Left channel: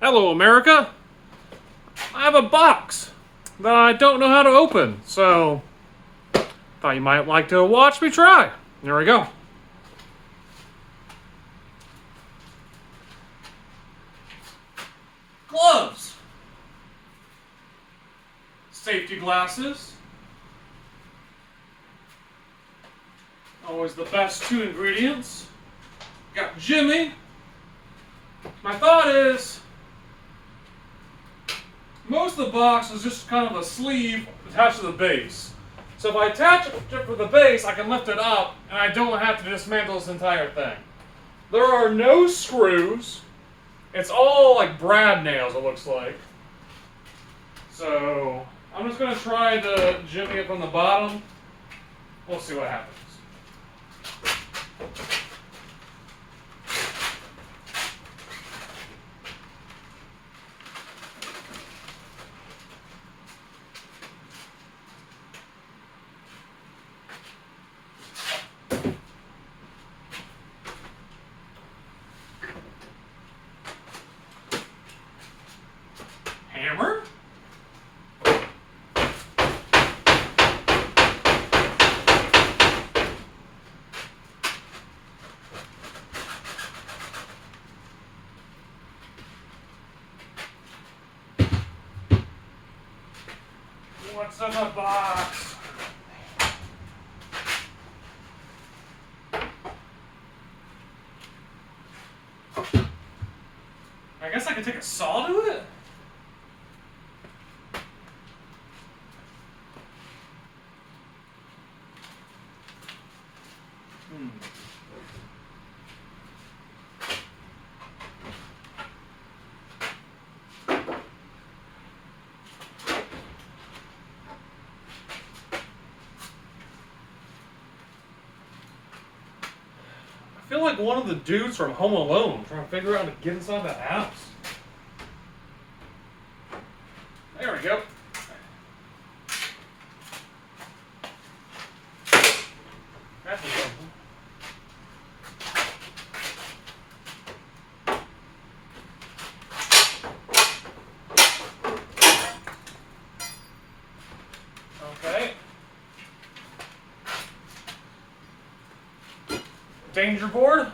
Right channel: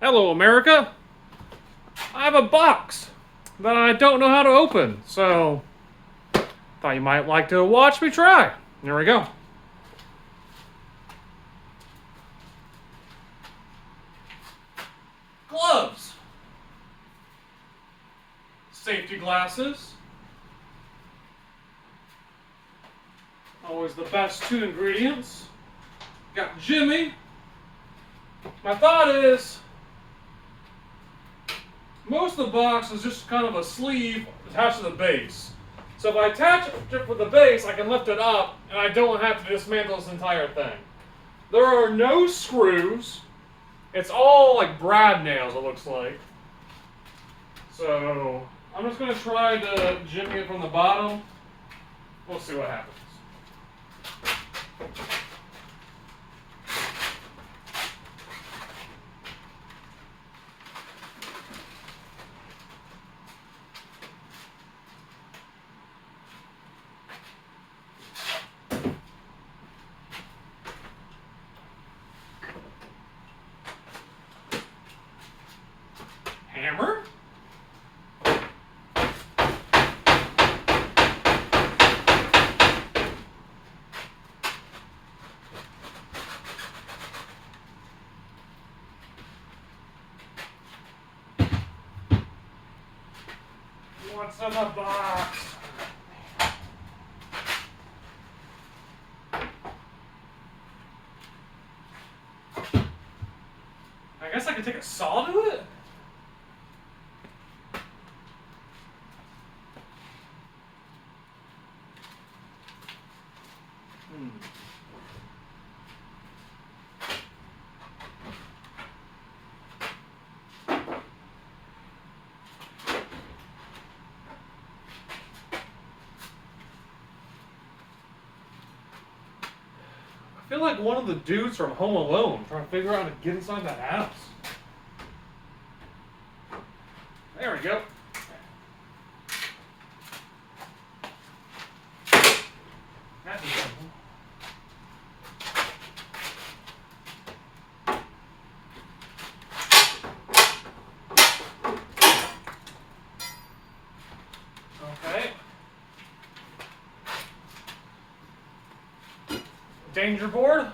Hello, America. I have a box that I don't know how to open, so thought you might like to watch me try. There we go. Gloves, safety glasses, always the best two ingredients. Got Jimmy. My thought is, most of the box is just kind of a sleeve attached to the base. So if I attach it with the base, I can lift it up, and I don't have to dismantle this entire thing. There are no screws. It's all like brad nails, it looks like. So I'm just going to try to jimmy it from the bottom. We'll see what happens. Hammer. What's in the box? I guess I can take a saw to it? I feel like one of the dudes from Home Alone trying to figure out how to get inside that house. There we go. That's something. Okay. Danger board.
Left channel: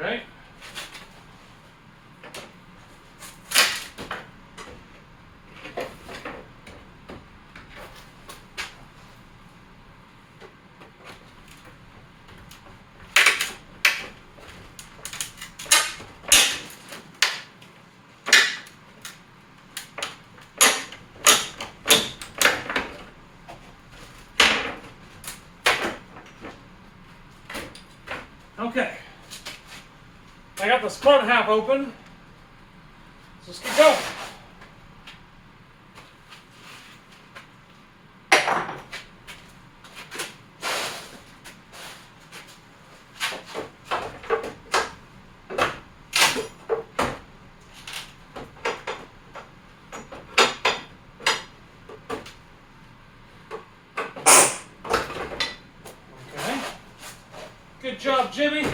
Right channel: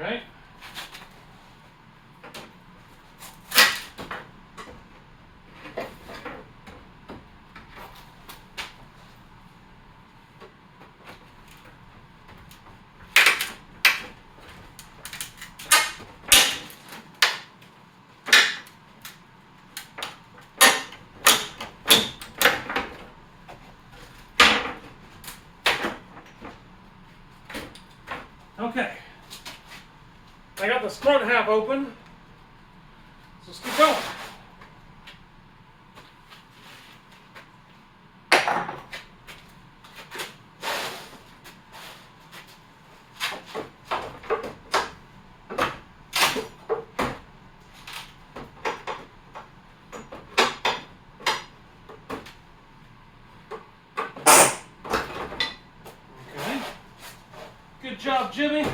Okay. Okay. I got this front half open. So let's keep going. Okay. Good job, Jimmy.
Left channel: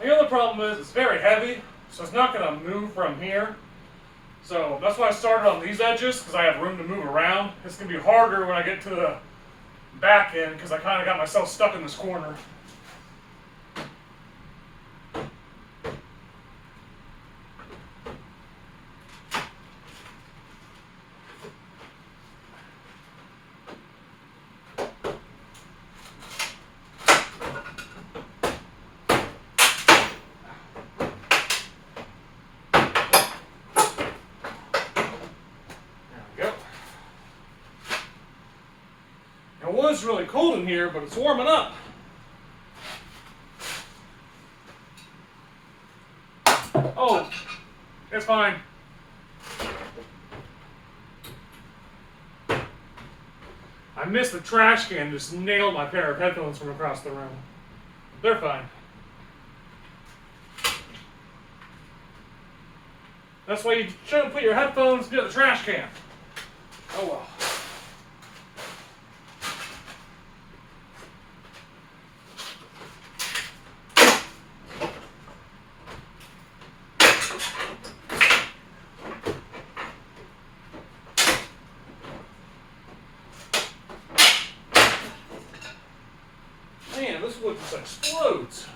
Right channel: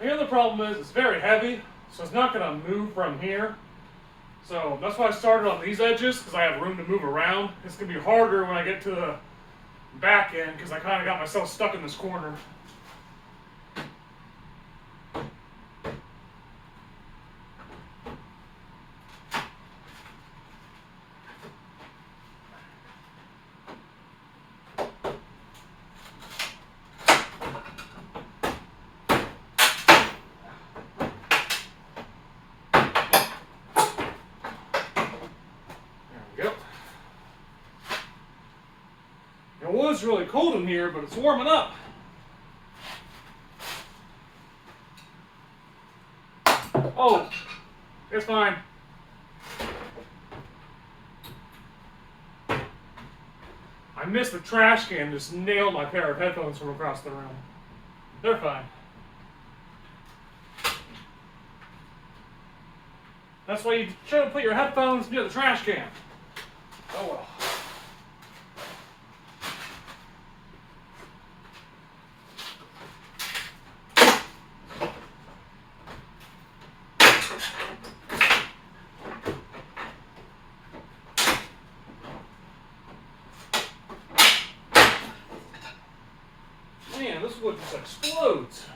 The other problem is it's very heavy, so it's not going to move from here. So that's why I started on these edges, because I have room to move around. It's going to be harder when I get to the back end, because I kind of got myself stuck in this corner. it's really cold in here, but it's warming up. Oh, it's fine. I missed the trash can, just nailed my pair of headphones from across the room. They're fine. That's why you shouldn't put your headphones near the trash can. Oh well. Man, this wood just explodes.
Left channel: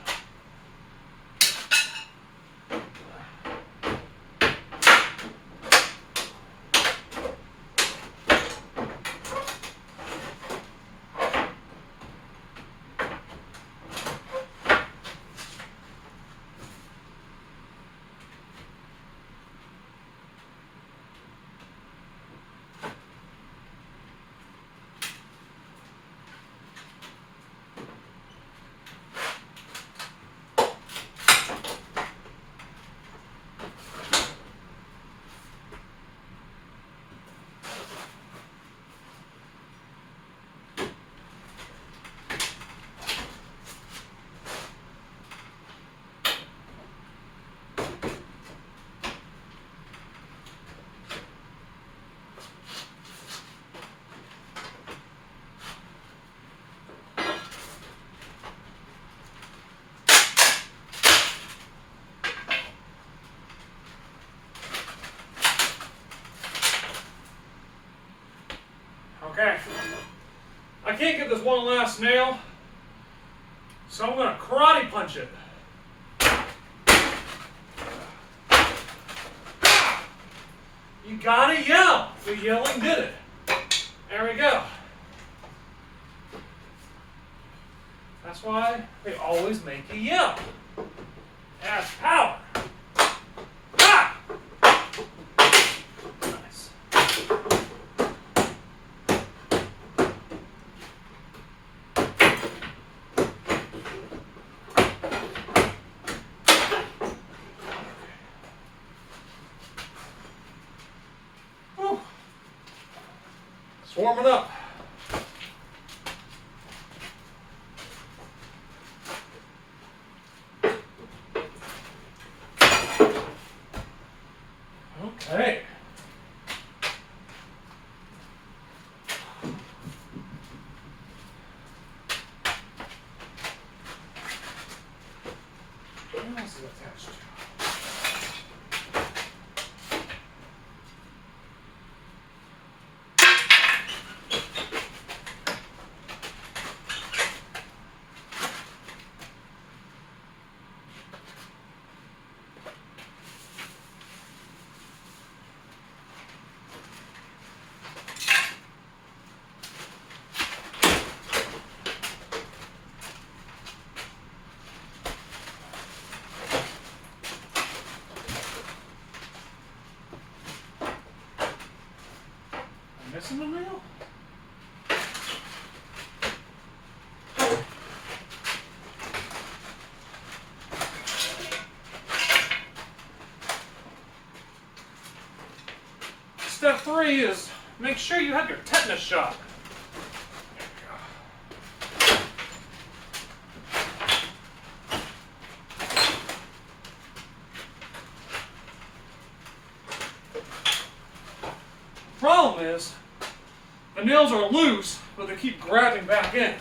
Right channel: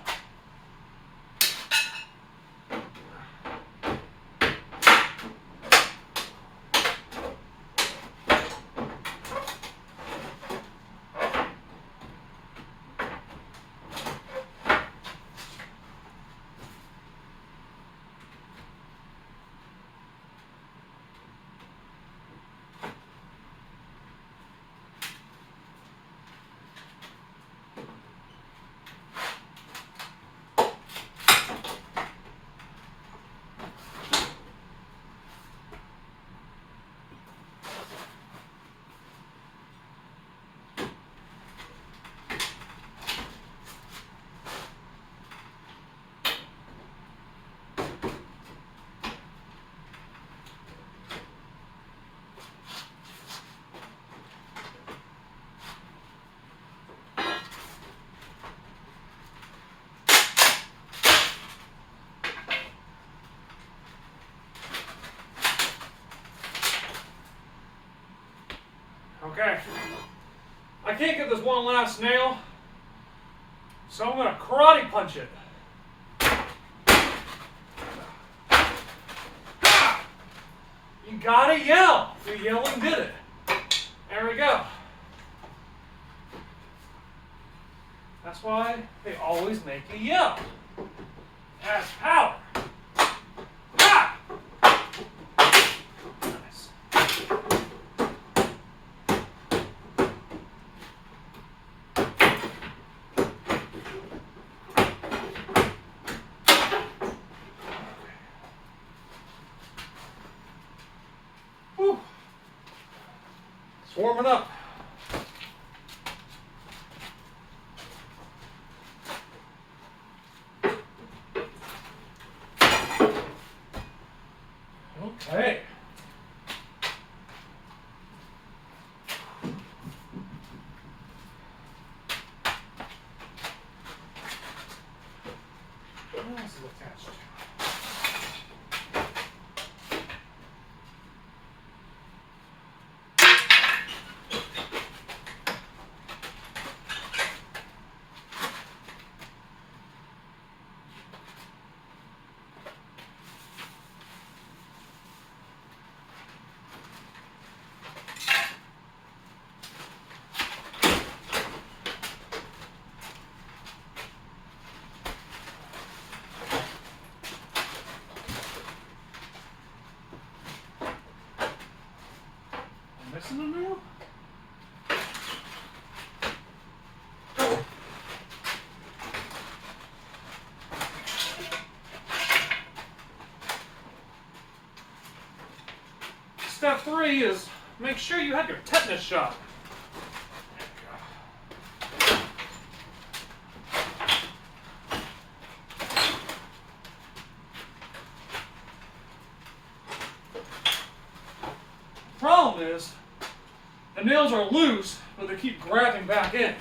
Okay. I can't get this one last nail, so I'm going to karate punch it. You gotta yell. The yelling did it. There we go. That's why they always make you yell. That's power. Ah! Nice. Whew. It's warming up. Okay. What else is attached to? Missing a nail? Step 3 is make sure you have your tetanus shot. There you go. Problem is, the nails are loose, but they keep grabbing back in.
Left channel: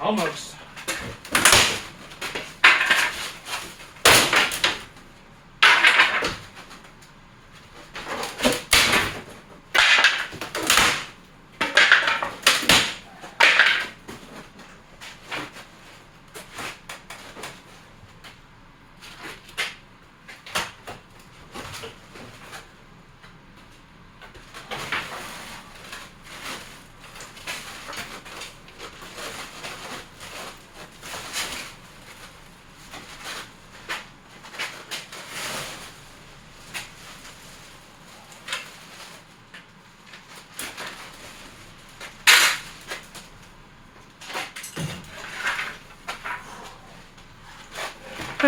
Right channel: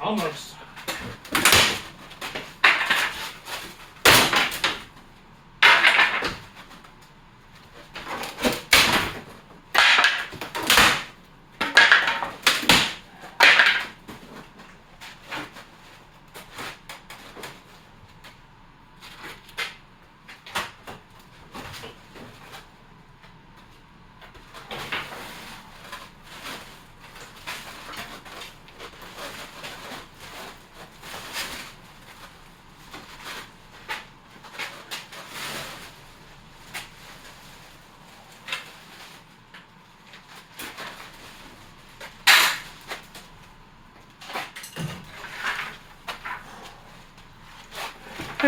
Almost.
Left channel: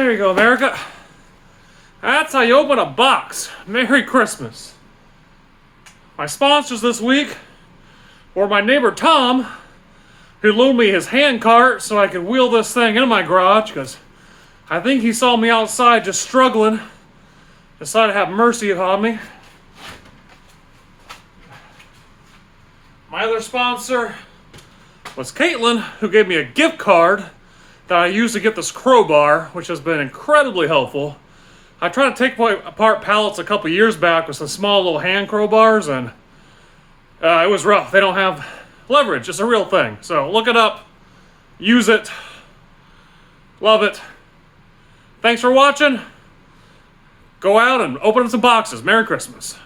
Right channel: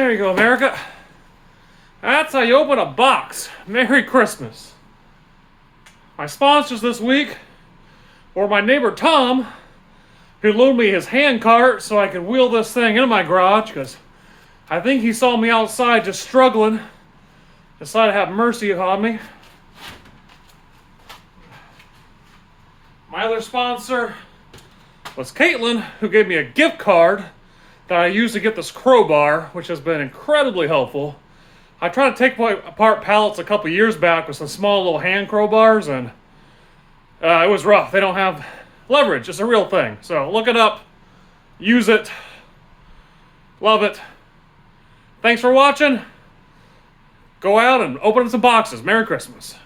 There you go, America. That's how you open a box. Merry Christmas. My sponsors this week were my neighbor Tom, who loaned me his hand cart so I could wheel this thing into my garage, because I think he saw me outside just struggling, decided to have mercy upon me. My other sponsor was Caitlin, who gave me a gift card that I used to get this crowbar, which has been incredibly helpful. I tried to take apart pallets a couple years back with some small little hand crowbars, and it was rough. They don't have leverage. It's a real thing. So look it up. Use it. Love it. Thanks for watching. Go out and open up some boxes. Merry Christmas.